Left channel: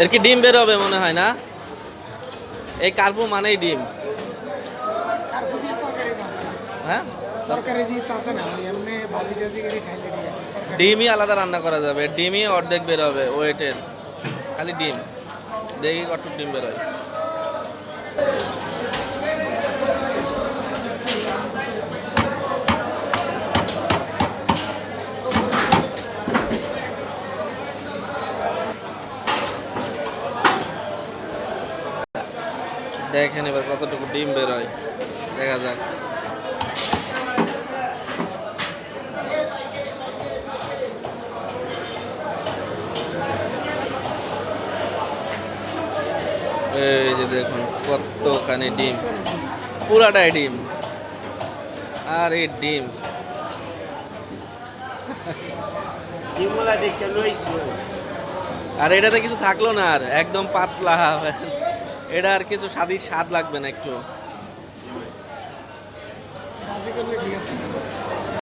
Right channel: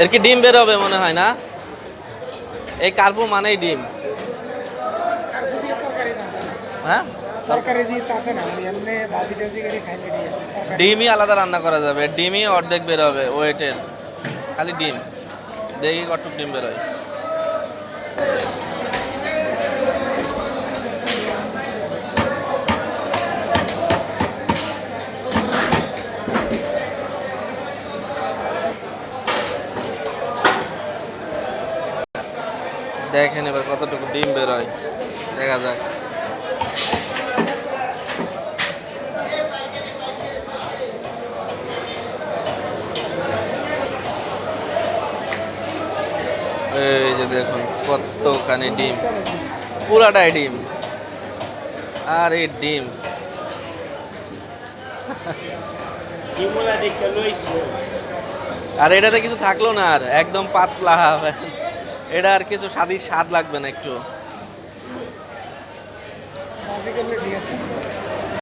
এর কি ডিম বের হবে মনে হয় না? এই কার্পু মানেই ডিম। হ্যাঁ, তরকারি দিয়ে তাতে না, মানে এমনি ভাজি টাজি করে খাইলে দিয়ে ডিমই আলাদা রান্না করা যাবে, ডিমই অর্ধেক বের হবে ওয়েটের, খালি ডিম। দেখি কতটুক ডিম বের হয়। দেখেন এবার কতটুকু ডিম বের হয়, দেখা যাক। এই যে দেখুন কতখানি ডিম, পুরাটাই ডিম। আর এই ডিম ডিমগুলা দেখতে লইছি। আর এটাতে কিছু থাকলো না, আর একদম পাতলা। এটা আর কিছু স্বাদ লাগবে না একটু।